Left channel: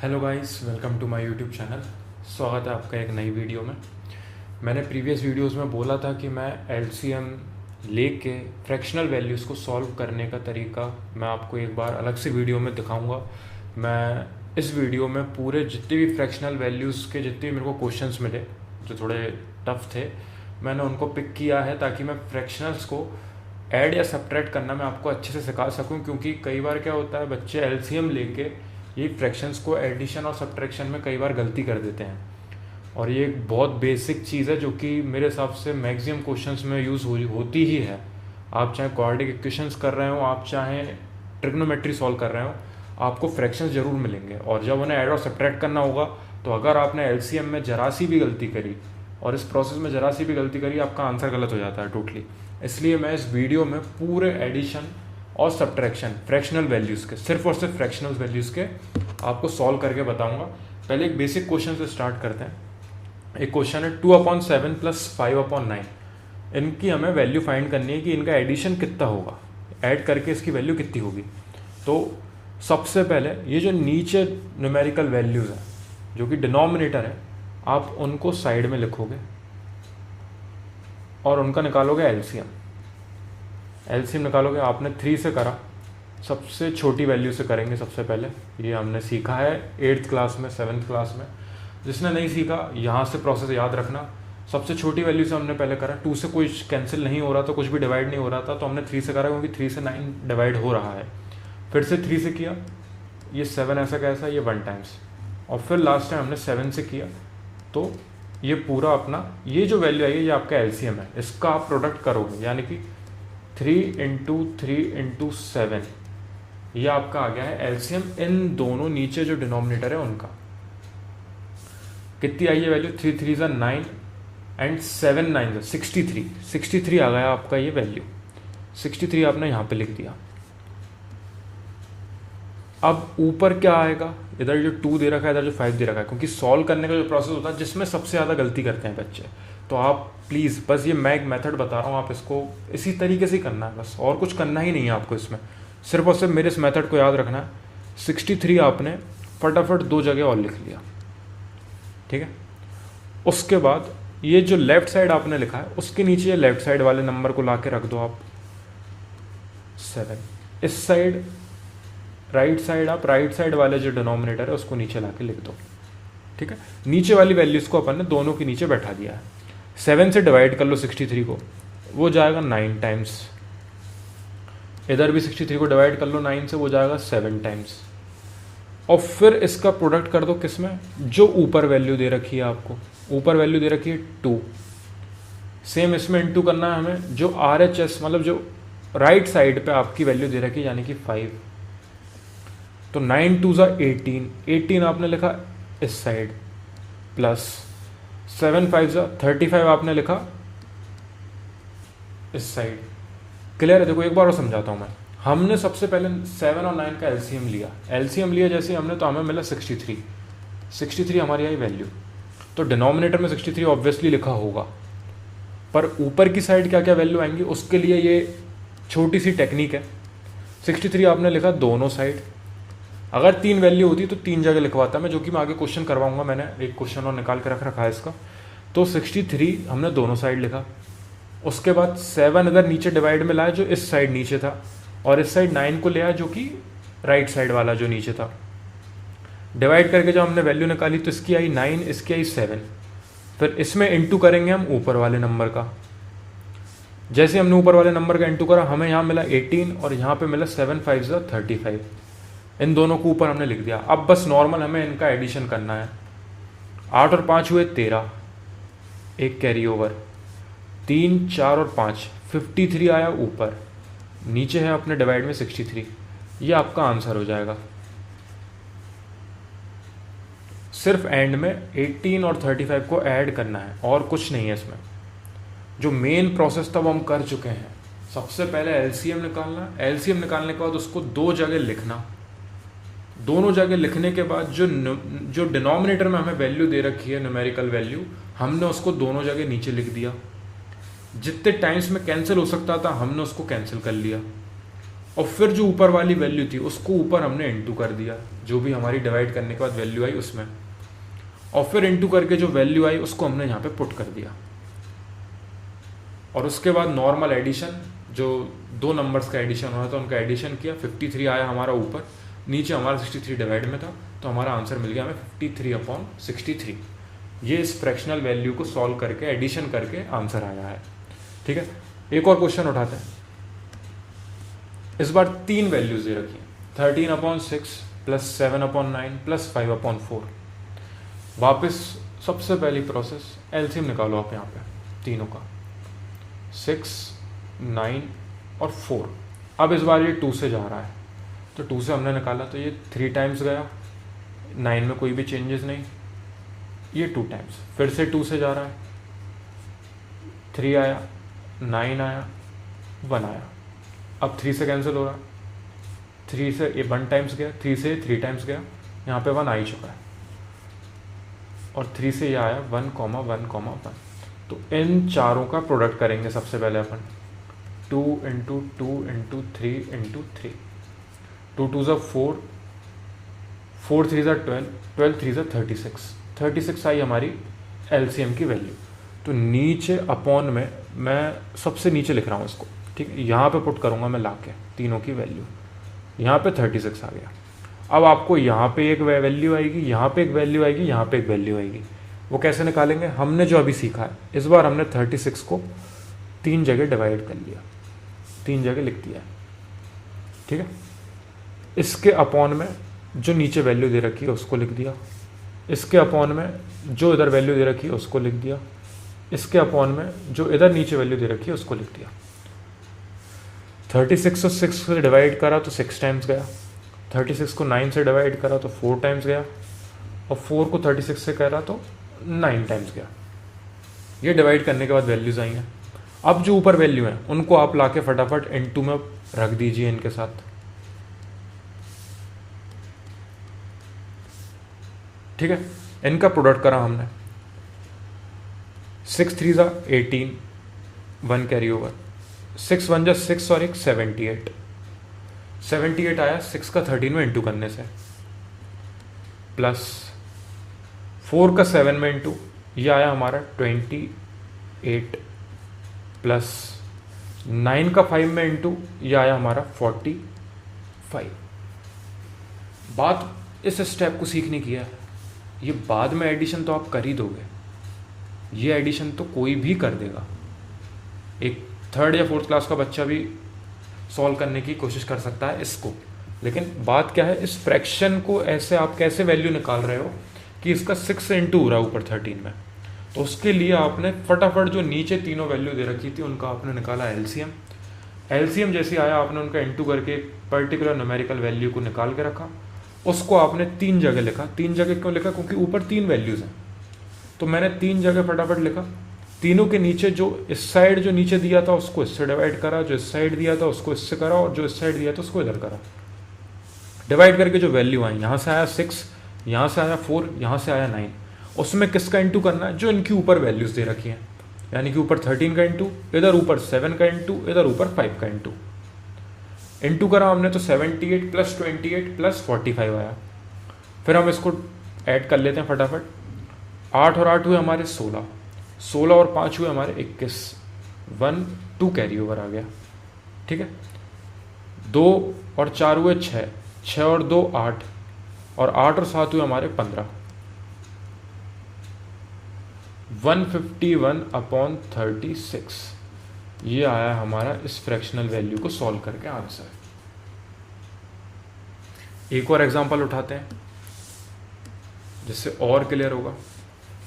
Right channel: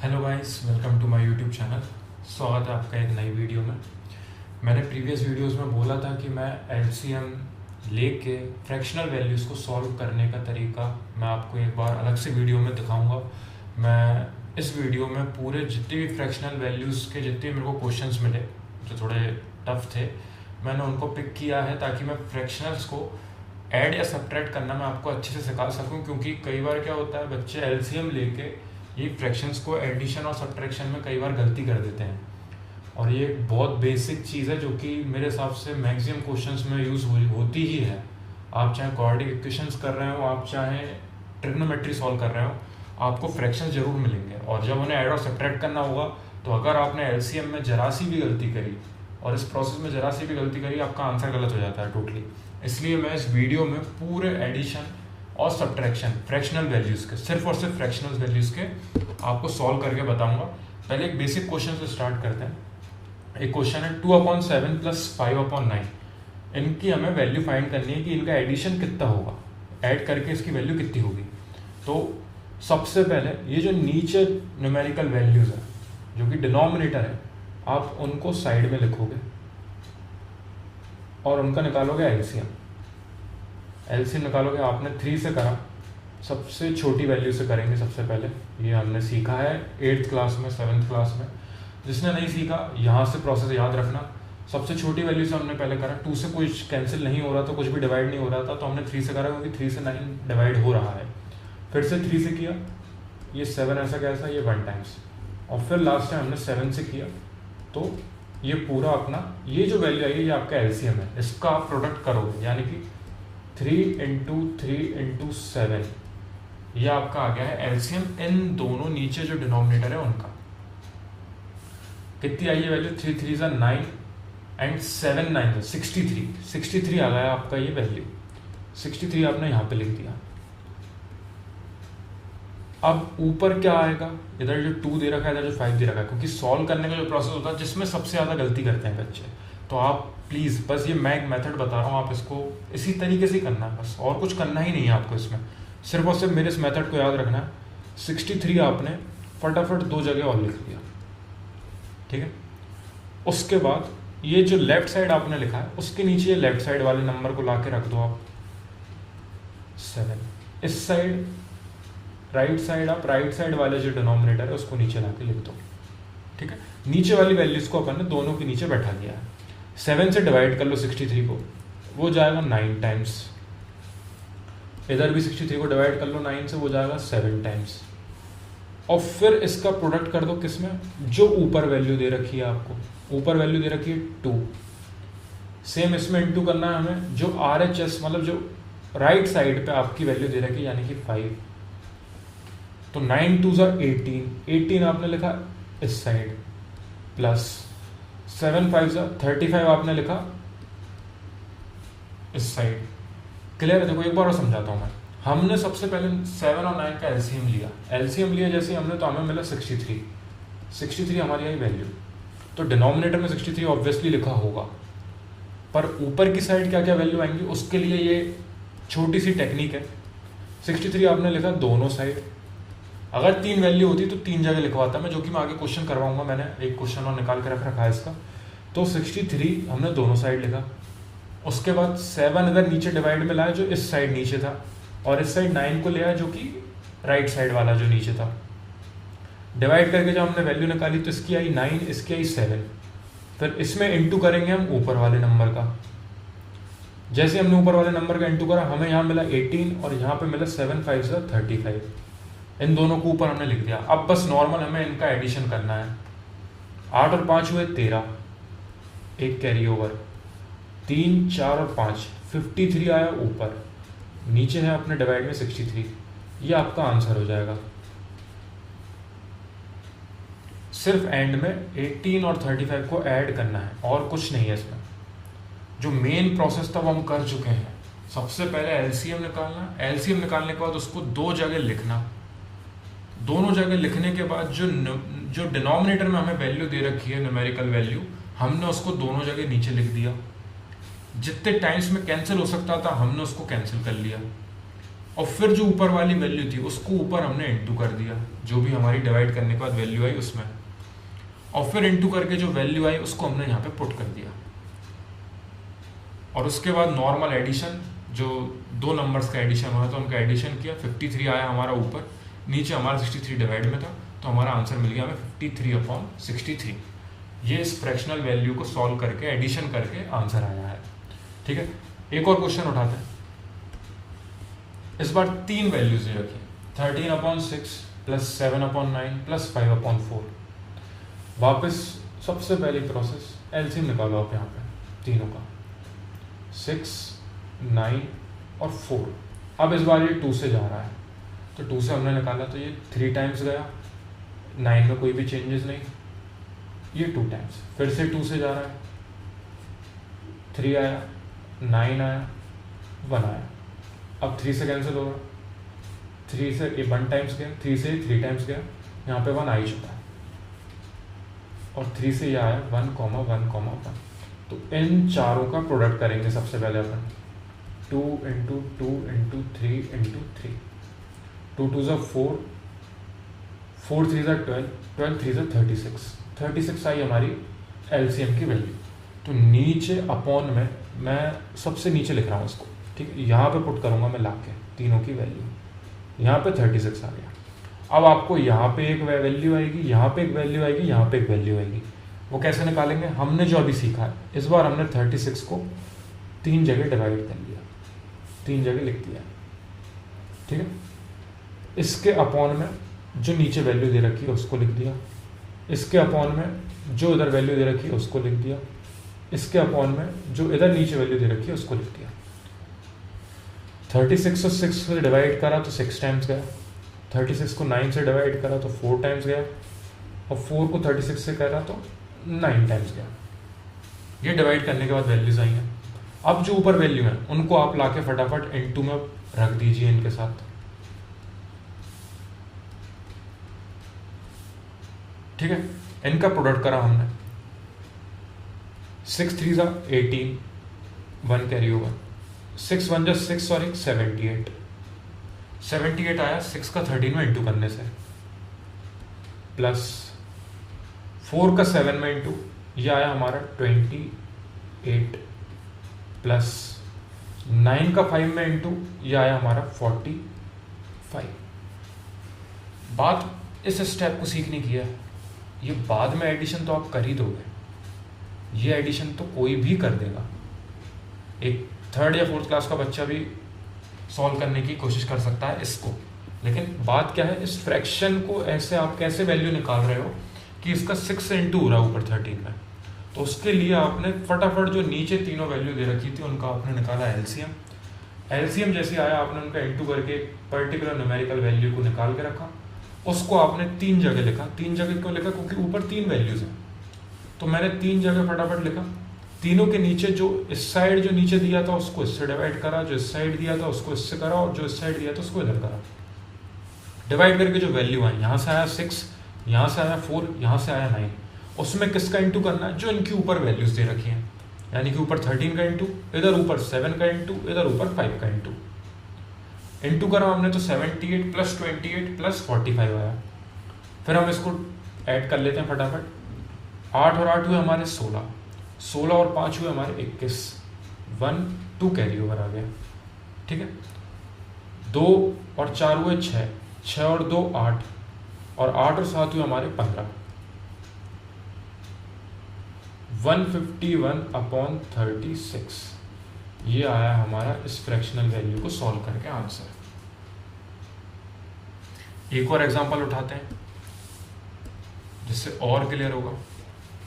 Hello guys, welcome to my YouTube channel. स्वागत है आपका एक नई वीडियो में। मैंने प्रीवियस वीडियोस में बोला था कि मैं एलसीएम लेके फ्रैक्शनल वैल्यूज़ को सॉल्व करने का तरीका मैं आपको एक बार अलग से वीडियो में दिखाऊंगा। मैं इस वीडियो में पूरे जितने भी फ्रैक्शनल वैल्यूज़ के जितने भी मेरे को क्वेश्चंस मिले जो थोड़े टफ थे, मैंने उनको पिक किया है ताकि मैं फ्रैक्शनल्स को ऐड या सब्ट्रैक्ट करना मैं आपको अच्छे से सिखा सकूं। क्योंकि कई बार क्या होता है, बच्चे एलसीएम लेके ये फ्रैक्शंस को एडिशन और सब्ट्रैक्शन में कई बार गलती कर देते हैं। और ये एक बहुत बेसिक चीज़ है जो कि मेरे हिसाब से मैक्सिमम क्वेश्चंस में यूज़ होती ही है। आप चाहे क्वाड्रेटिक इक्वेशंस कर रहे हो, आप चाहे ट्रिग्नोमेट्री सॉल्व कर रहे हो, आपको फ्रैक्शंस जरूर मिलेंगे। और जब उन्हें ऐड और सब्ट्रैक्ट करना होगा तो अगर आपने एलसीएम में जरा सी भी गलती करी और इस प्रोसेस में जरा सी भी गलती करी, आपका आंसर गलत हो जाता है टोटली। इसलिए मैं इस वीडियो में पूरे एडिशन और सब्ट्रैक्शन फ्रैक्शनल वैल्यूज़ के, सिर्फ और सिर्फ फ्रैक्शनल वैल्यूज़ के आपको सॉल्व करके बताऊंगा। पहले एक बेसिक क्वेश्चन से स्टार्ट करते हैं। एक क्वेश्चन है 2/7 + 5/9। इनकी हमें वैल्यू फाइंड करनी है कि इनका एडिशन कितना होगा, ऐड करके इसकी वैल्यू कितनी होगी। तो सबसे पहले ये जो नीचे न्यूमेरिकल वैल्यूज़ हैं जो कि डिनोमिनेटर है, आप उनको साइड में लिखोगे और उनका निकालोगे एलसीएम। एलसीएम निकालोगे, आपने 3 से करा, सबसे छोटी वैल्यू से करेंगे सबसे पहले। ये हमने सीखा है 8th क्लास में, 7th क्लास में। जिसने नहीं सीखा, यहाँ से प्रोसेस याद रखना। सबसे छोटी वैल्यू से हमने पहले करा, 2 से कोई कैंसिल नहीं हो रहा था, कुछ भी डिवाइड नहीं हो रहा था, तो हमने 3 से करा क्योंकि 3 से 9 डिवाइड हो रहा है। फिर से 3 से किया, ये 7 ऐसा कैसा, ये 1 टाइम्स, और फिर लास्ट टाइम हमने 7 से किया। तो ये पूरा अपना ये जो वैल्यू आई है ये आपका एलसीएम है। इसका आप प्रोडक्ट करोगे, यानी कि 3 × 3 × 7, ये आपका आ गया है एलसीएम। इन दोनों नीचे जो डिनोमिनेटर है उनका कितनी आई है वैल्यू, 3 3 = 9 एंड 7 9 63। 63 आ गया आपका ये वैल्यू। 63 आपने यहाँ पे लिख दिया। अब ऊपर क्या आएगा, इधर जो 2 दे रखा है, इधर जो 5 दे रखा है, क्योंकि सॉल्व करने का जो प्रोसेस होता है जिसमें सबसे ज़्यादा गलती करते हैं बच्चे, तो आप प्लीज़ बस ये मैं एक मेथड बता रहा हूँ, आप इसको इसी तरीके से करना है बस, और कुछ करना ही नहीं है आपको इसमें। सिर्फ और सिर्फ मेरे इस मेथड को याद रखना है। 63 आपने फटाफट 2 जगह और लिख लिया, ठीक है। उसके बाद ये जो लेफ्ट साइड आपने लिखा है उसके नीचे लेफ्ट साइड वाले नंबर को ला के रख दो आप 7। इस साइड राइट साइड आप राइट साइड वाले जो डिनोमिनेटर है उसको नीचे ला के लिख दो, ठीक है। नीचे वाली वैल्यूज को अपन ने दोनों के नीचे बैठा दिया है। 7 से डिवाइड कर लो 63 को, वो जाएगा 9 टाइम्स। इधर भी 63 को डिवाइड कर लो 9 से, वो जाएगा 7 टाइम्स। और फिर इसका प्रोडक्ट कर दो किसमें, जो ऊपर वैल्यू दे रखी है आपको। ऊपर वैल्यू दे रखी है 2, सेम इसमें इंटू करना है हमें जो RHS, मतलब जो राइट साइड पे आपकी वैल्यू दे रखी है, यानी कि 5। तो 9 2 = 18, 18 आपने लिखा इस साइड, प्लस 7 5 = 35 आपने लिखा इस साइड। क्लियर है? देखो एक बार और समझाता हूँ मैं। हमने सबसे पहले 7 और 9 का एलसीएम लिया। एलसीएम लिया जैसे हमने, तो हमें मिला 63। 63 हमारी आई वैल्यू। तो डिनोमिनेटर में 63 ऑब्वियसली लिखा होगा, पर ऊपर की साइड क्या क्या वैल्यू आएंगी उसके लिए ये छोटी सी टेक्निक है। 63 आपने लिखा दोनों साइड। अगर 3 वैल्यू होती तो 3 जगह लिखवाता मैं, जो कि मैं आगे क्वेश्चन करवाऊंगा। मैंने एक क्वेश्चन और निकाल के रख रखा है इसका। तो 63 हमने दोनों साइड लिखा। उसके बाद 7 इधर नीचे डिवाइड में लाया जो इस साइड नीचे था, और इस साइड 9 को ले आया जो कि राइट साइड वाला जो नीचे था। डिवाइड करके जब हमने वैल्यू निकाली तो इसकी आई 9, इसकी आई 7। फिर इसमें इंटू करेंगे हम ऊपर वाले नंबर का। जैसे हमने ऊपर वाले नंबर का इंटू करा, हमें यहाँ मिला 18 और यहाँ पे मिला 7 5 = 35। इन दोनों को ऊपर हमने लिख दिया। अब बस नॉर्मल हमें इनका एडिशन करना है। 8 और 5 हुए 13, एक कैरी ओवर, 3 4 और 5 53 आया ऊपर, नीचे है अपने डिवाइड में 63। ये आपका आंसर हो जाएगा। सिर्फ एंड में 18 और 35 को ऐड करना है और कुछ नहीं है इसमें। जो मेन प्रोसेस था वो हम कर चुके हैं। सबसे पहले एलसीएम निकालना, एलसीएम निकालने के बाद उसको 2 जगह लिखना। दोनों जगह लिखने के बाद जो डिनोमिनेटर में हमें वैल्यू दे रखी है, न्यूमेरिकल वैल्यू, हमने उसको दोनों जगह नीचे लिख दिया। जितने टाइम्स में कैंसिल हो सकता था हमने उसको कैंसिल कर लिया। और फिर जो ऊपर वाली वैल्यू थी उसको ऊपर हमने इंटू कर दिया, जो भी हमारी डिवाइड करने के बाद वैल्यू आई उसमें, और फिर इंटू करके जो वैल्यू आई उसको हमने यहाँ पे पुट कर दिया। और उसके बाद नॉर्मल एडिशन, जो दो नंबर्स का एडिशन हुआ तो उनका एडिशन किया, 53 आया हमारा ऊपर, नीचे हमारा 63 डिवाइड में था, तो हमारा आंसर मिल गया हमें 53/63। ये इस फ्रैक्शनल वैल्यू को सॉल्व करके एडिशन करके आंसर आया है। ठीक है, एक और क्वेश्चन उठाते हैं। इस बार 3 वैल्यूज दे रखी, 13/6 प्लस 7/9 प्लस 5/4। वापस सबसे पहली प्रोसेस एलसीएम निकालो आप यहाँ पे तीनों का, 6, 9 और 4। अब इस बार ये 2 से जा रहा है, तो 2 से हमने निकाला तो ये 3 टाइम्स गया, 9 में कोई भी चेंजेस नहीं, ये 2 टाइम्स, फिर से 2 से जा रहा है, 3 आया, 9 आया, 1 आया। अब 3 से कैंसिल हो रहा, 3 से ये 1 टाइम्स गया, 3 से 3 टाइम्स गया, यहाँ पे 1 आ ही चुका है, और 3 से ये आया 1, 1, 1। तो इन चारों का प्रोडक्ट करेंगे सबसे पहले अपन, 2 × 2 × 3 × 3, 2 2 ज़ा 4, 4 3 ज़ा 12, 12 3 ज़ा 36, 36 आई हमारी एलसीएम की वैल्यू। तो नीचे अपॉन में मैं सबसे नीचे लिख रहा हूँ इसको, ठीक है, यहाँ पे पुट करूँगा मैं लाके तीनों की वैल्यू, यहाँ पे 36 आ गया। अब आपको यहाँ पे एक वैल्यू आएगी, यहाँ पे एक वैल्यू आएगी, यहाँ पे एक वैल्यू आएगी, वो कैसे निकालेंगे, हमने जो अभी सीखा है। इस बार हमने 36 को 3 जगह डिवाइड कर लिया, 3 जगह लिख दिया, ठीक है। इसके अपॉन में जो नीचे वैल्यू दे रखी है उसको लिख दिया, इसके अपॉन में जो इधर वैल्यू दे रखी है उसको लिख दिया, इसके अपॉन में जो इधर नीचे वैल्यू दे रखी है उसको लिख दिया। 36 को 6 से डिवाइड करा तो 6 टाइम्स गया, 36 को 9 से डिवाइड करा तो 4 टाइम्स गया, और 4 को 36 से करा तो 9 टाइम्स गया। ये डिवाइड करने के बाद वैल्यूज आई हैं। अब जो ऊपर वैल्यू है उनको आप लाके फटाफट इनटू में रख दीजिए इनके साथ, ठीक है। इनका प्रोडक्ट करा हमने, 6 3 ज़ा 18, 1 कैरी ओवर, 6 1 ज़ा 6 और 1 78, 78 आया 6 का 13 में इंटू करने से, प्लस 4 का 7 में इंटू, यह आया हमारा 28, प्लस 9 का 5 में इंटू, यह आया हमारा 45। बात इस स्टेप को सीखने की है, ये बाद में एडिशन तो आप कर ही दोगे, ये एडिशन तो कोई भी कर देगा, एक 3rd या 4th क्लास का बच्चा भी सॉल्व करने की कोशिश कर सकता है इसको। लेकिन बात क्या है, इस फ्रैक्शन को ऐसे आप कैसे वैल्यू निकाल रहे हो कि इसका 6 से इंटू हो रहा है ऊपर 13 में, तो उसके लिए आपने फटाफट जो नीचे तीनों वैल्यू दे रखी थी उनका आपने निकाला एलसीएम। एलसीएम जैसे आया आपने उनका इंटू करके पर्टिकुलर न्यूमेरिकल वैल्यू को निकाल के रखा, उसको आपने 3 जगह लिखा। 3 जगह क्यों लिखा, क्योंकि ऊपर 3 वैल्यूज हैं, तो मैंने 3 जगह फटाफट लिखा। तीनों के नीचे जो इस साइड जो नीचे दिया था उसको इससे डिवाइड करा, जो इस साइड दिया था उसको इससे करा, और जो इस साइड दिया था उसको इधर करा। डिवाइड करके जो वैल्यू आई, यहाँ से आया 6, यहाँ से आया 4, यहाँ से आया 9, उसमें किसका इंटू करना है, जो इनकी ऊपर वैल्यूज दे रखी हैं, यानी कि ऊपर 13 का इंटू, इधर ऊपर 7 का इंटू, इधर ऊपर 5 का इंटू। इंटू करा हमने तो 78 प्लस 28 प्लस 45 आया। फिर हम इसको ऐड कर लेते हैं फटाफट, 8 और 8 हुए हमारे 16, 16 और 5 हुए हमारे 21, 1 2 कैरी ओवर आ गया, ठीक है। 2 और 4 हुए 6, 6 और 2 8, और 8 और 7 हुए हमारे 15, 151/36। ये आया हमारा इस फ्रैक्शनल वैल्यू को सॉल्व करके आंसर। एक और एग्जांपल उठाते हैं जिससे और क्लियर होगा।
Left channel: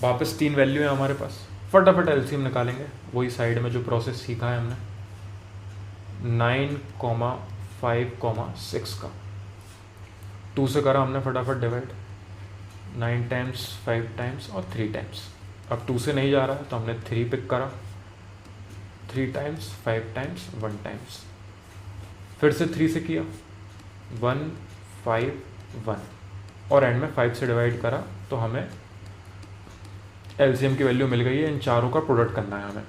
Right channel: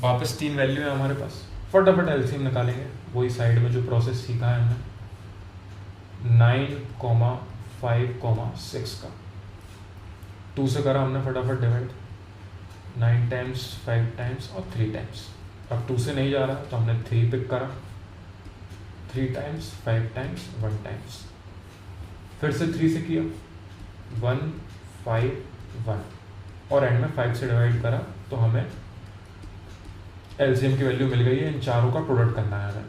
वापस 3 वैल्यू है हमारे पास, फटाफट एलसीएम निकालेंगे, वही साइड में जो प्रोसेस सीखा है हमने, 9, 5, 6 का 2 से करा हमने फटाफट डिवाइड, 9 टाइम्स 5 टाइम्स और 3 टाइम्स। अब 2 से नहीं जा रहा तो हमने 3 पिक करा, 3 टाइम्स 5 टाइम्स 1 टाइम्स, फिर से 3 से किया, 1 5 1, और एंड में 5 से डिवाइड करा, तो हमें एलसीएम की वैल्यू मिल गई है। इन चारों का प्रोडक्ट करना है हमें।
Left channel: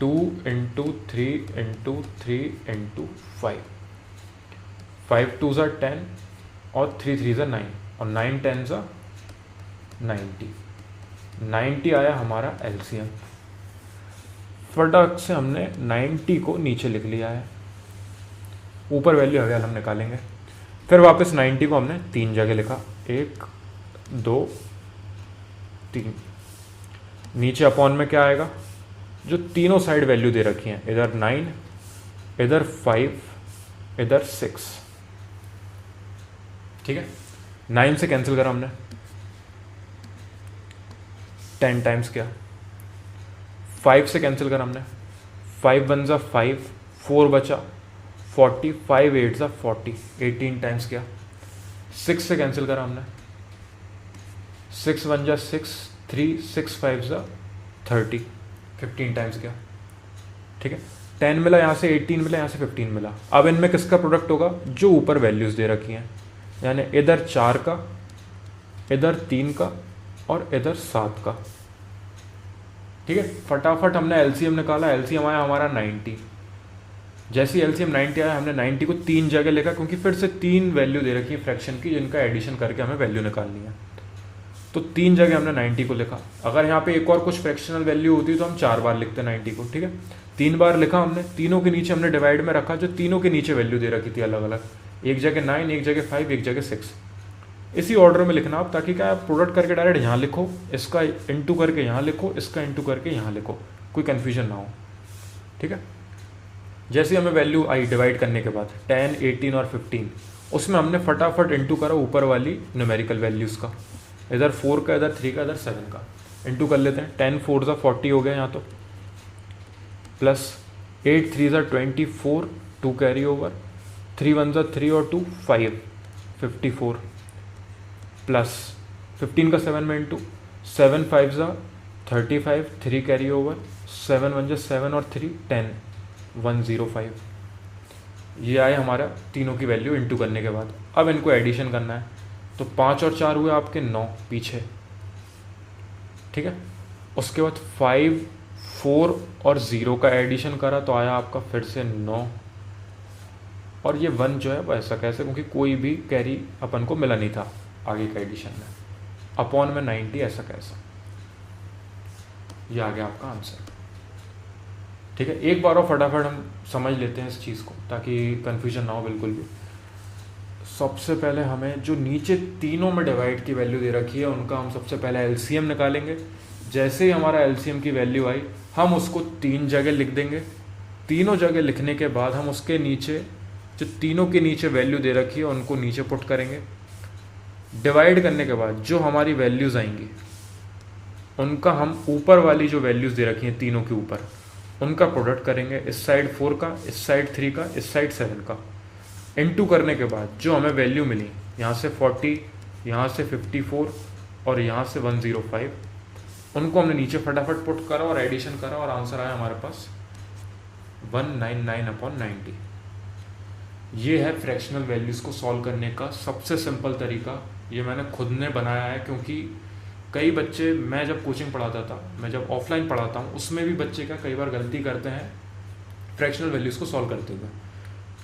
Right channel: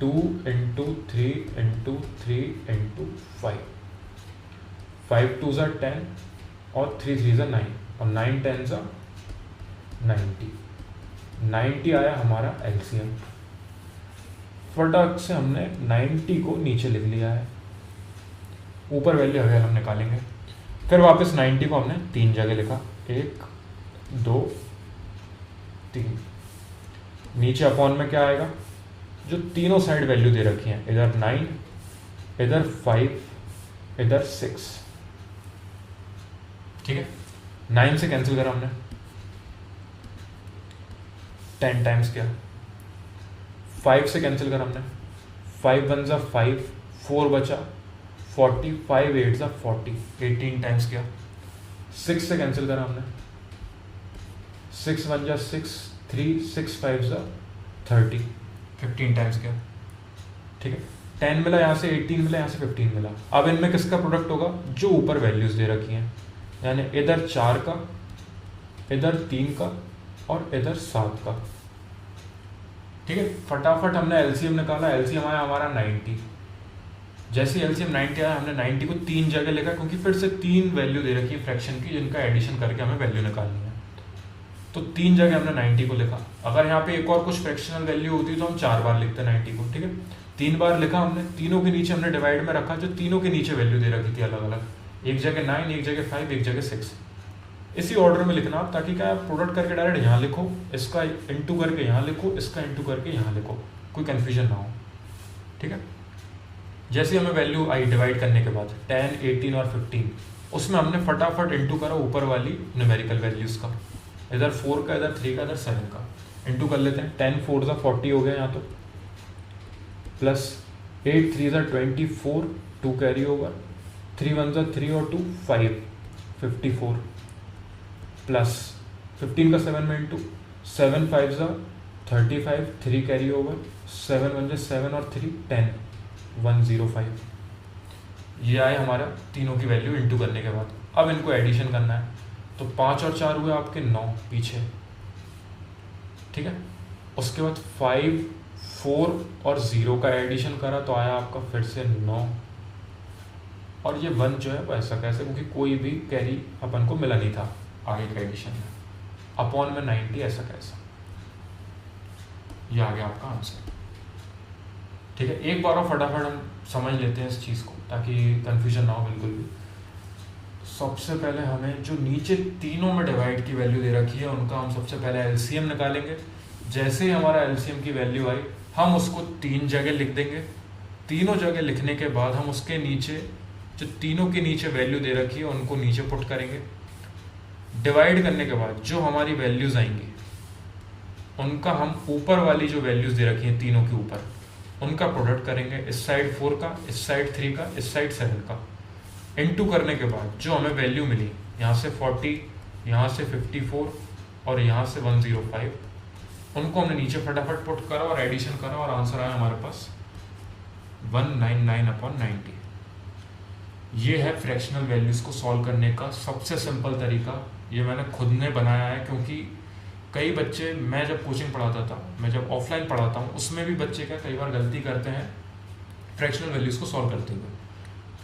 2 इंटू 3 इंटू 3 इंटू 5, 5 2 ज़ा 10 और 3 3 ज़ा 9 और 9 10 ज़ा 90, 90 आया हमारा एलसीएम। फटाक से हमने 90 को नीचे लिख लिया है, ऊपर वैल्यू अगर हम निकालेंगे, फिर वापस 90 को हमने 3 जगह लिखा, 1 2 3, नीचे अपॉन में क्या आएगा, जो तीनों साइड वैल्यू दे रखी हैं, इधर 9 इधर 5 इधर 6, ठीक है। 9 से कैंसिल करा हमने, 10 टाइम्स किया, 5 से कैंसिल करा हमने, 5 1 ज़ा 5, 4 बचा 40, 5 8 ज़ा 40, 18 टाइम्स किया। 6 से कैंसिल करा हमने, 6 1 ज़ा 6, 3 6 5 ज़ा 30, 15 टाइम्स किया, ठीक है। 10 मिला यहाँ से, 18 मिला यहाँ से, 15 मिला। अब इनमें किसका प्रोडक्ट होगा, जो ऊपर वैल्यूज दे रखी हैं, यानी इधर 4 का, इधर 3 का और इधर 7 का, ठीक है। फटाफट हमने एलसीएम निकाला, एलसीएम आया हमारा 90। जैसे एलसीएम 90 आया, हमने 90 को 3 जगह लिखा, क्योंकि फिर से 3 वैल्यू दे रखी है फ्रैक्शन की, जिनका एडिशन करके हमें वैल्यू निकालनी है। तो 3 जगह हमने 90 को लिखा। अगर यहाँ पे एक और कुछ फ्रैक्शनल वैल्यू होती तो हम 4 बार लिखते 90 को, ठीक है। 3 बार लिखा हमने, तीनों के नीचे हमने डिवाइड में रखा, जो तीनों के नीचे वैल्यू दे रखी थी अलग अलग, एक जगह 9, एक जगह 5, एक जगह 6। इसी ऑर्डर में लिखना आप, ताकि क्या प्रोडक्ट करके डायरेक्ट यहाँ लिखो, इसका इंटू करके यहाँ लिखो, इसका इंटू करके यहाँ लिखो, कोई कन्फ्यूजन ना हो, ठीक है। जैसे हमें वैल्यू आई डिवाइड करने के बाद 10, 18 और 15, उसमें हमने फटाफट इंटू करा ऊपर वाली न्यूमेरिकल वैल्यूज़ का, इधर 4 का, इधर 3 का, इधर 7 का, इंटू कर लेते हैं। 10 4 ज़ा 40 हो गया यहाँ तो, प्लस 8 3 ज़ा 24, 2 कैरी ओवर, 3 1 ज़ा 3 और 2 5, 54, प्लस 15 का 7 में इंटू, 7 5 ज़ा 35, 3 कैरी ओवर, 7 1 ज़ा 7 और 3 10, 105। ये आए हमारा तीनों की वैल्यू इंटू करने के बाद। अब इनको एडिशन करना है, तो 5 और 4 हुए आपके 9 पीछे, ठीक है। उसके बाद 5 4 और 0 का एडिशन करा, तो आया आपका फिर से 9, और ये 1 जो है वो ऐसा कैसे, क्योंकि कोई भी कैरी अपन को मिला नहीं था आगे का एडिशन में, अपॉन में 90 ऐसा कैसा, ये आ गया आपका आंसर, ठीक है। एक बार और फटाफट हम समझ लेते हैं इस चीज़ को, ताकि कन्फ्यूजन ना हो बिल्कुल भी। सबसे पहले हमें जो नीचे तीनों में डिवाइड की वैल्यू दे रखी है, उनका हम सबसे पहले एलसीएम निकालेंगे। जैसे ही हमारा एलसीएम की वैल्यू आई, हम उसको 3 जगह लिख देंगे। तीनों जगह लिखने के बाद हम उसके नीचे, जो तीनों के नीचे वैल्यू दे रखी है, उनको नीचे पुट करेंगे। डिवाइड करने के बाद जो हमारी वैल्यूज़ आएंगी, उनका हम ऊपर वाली जो वैल्यूज़ दे रखी हैं तीनों के ऊपर, उनका प्रोडक्ट करेंगे। इस साइड 4 का, इस साइड 3 का, इस साइड 7 का, इनटू करने के बाद जो हमें वैल्यू मिली, यहाँ से 40, यहाँ से 54 और यहाँ से 105, उनको हमने नीचे फटाफट पुट करा और एडिशन करा, और आंसर आया हमारे पास 199/90। ये है फ्रैक्शनल वैल्यूज़ को सॉल्व करने का सबसे सिंपल तरीका। ये मैंने खुद ने बनाया है, क्योंकि कई बच्चे, मैं जब कोचिंग पढ़ाता था, मैं जब ऑफलाइन पढ़ाता हूँ, उसमें भी बच्चे क्या कई बार गलती करते हैं फ्रैक्शनल वैल्यूज़ को सॉल्व करते हुए,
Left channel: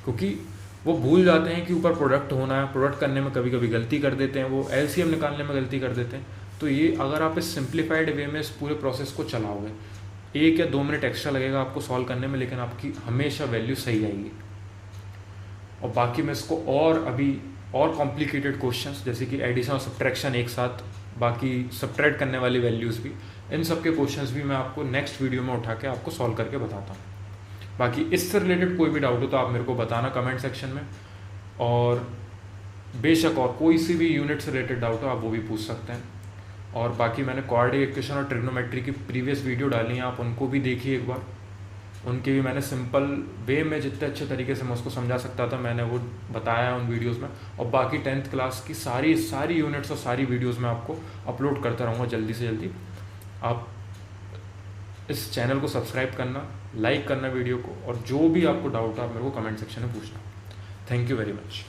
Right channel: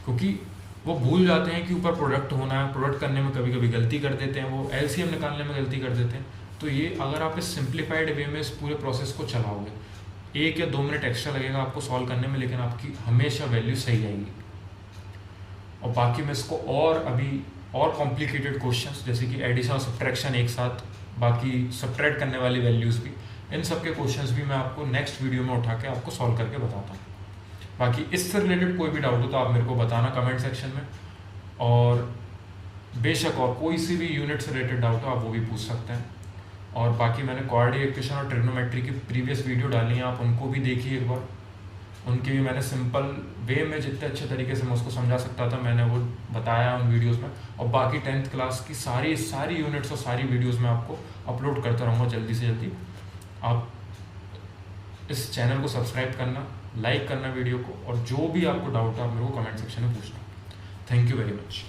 क्योंकि वो भूल जाते हैं कि ऊपर प्रोडक्ट होना है, प्रोडक्ट करने में कभी कभी गलती कर देते हैं, वो एलसीएम निकालने में गलती कर देते हैं। तो ये अगर आप इस सिंप्लीफाइड वे में इस पूरे प्रोसेस को चलाओगे, 1 या 2 मिनट एक्स्ट्रा लगेगा आपको सॉल्व करने में, लेकिन आपकी हमेशा वैल्यू सही आएगी। और बाकी मैं इसको और अभी और कॉम्प्लिकेटेड क्वेश्चंस, जैसे कि एडिशन और सब्ट्रैक्शन एक साथ, बाकी सब्ट्रैक्ट करने वाली वैल्यूज़ भी, इन सब के क्वेश्चंस भी मैं आपको नेक्स्ट वीडियो में उठा के आपको सॉल्व करके बताता हूँ। बाकी इससे रिलेटेड कोई भी डाउट हो तो आप मेरे को बताना कमेंट सेक्शन में, और बेशक और कोई सी भी यूनिट से रिलेटेड डाउट हो आप वो भी पूछ सकते हैं। और बाकी मैंने कोऑर्डिनेट इक्वेशन और ट्रिग्नोमेट्री की प्रीवियस वीडियो डाली हैं, आप उनको भी देखिए एक बार। उनके भी मैंने सिंपल वे में जितने अच्छे तरीके से मैं उसको समझा सकता था, मैंने वो बताया उन वीडियोस में। और बाकी 10th क्लास की सारी यूनिट्स और सारी वीडियोस मैं आपको अपलोड करता रहूँगा जल्दी से जल्दी। आप इस चैनल को सब्सक्राइब करना, लाइक करना वीडियो को, और जो भी आपको डाउट है आप मेरे को कमेंट सेक्शन में पूछना। Thank you very much.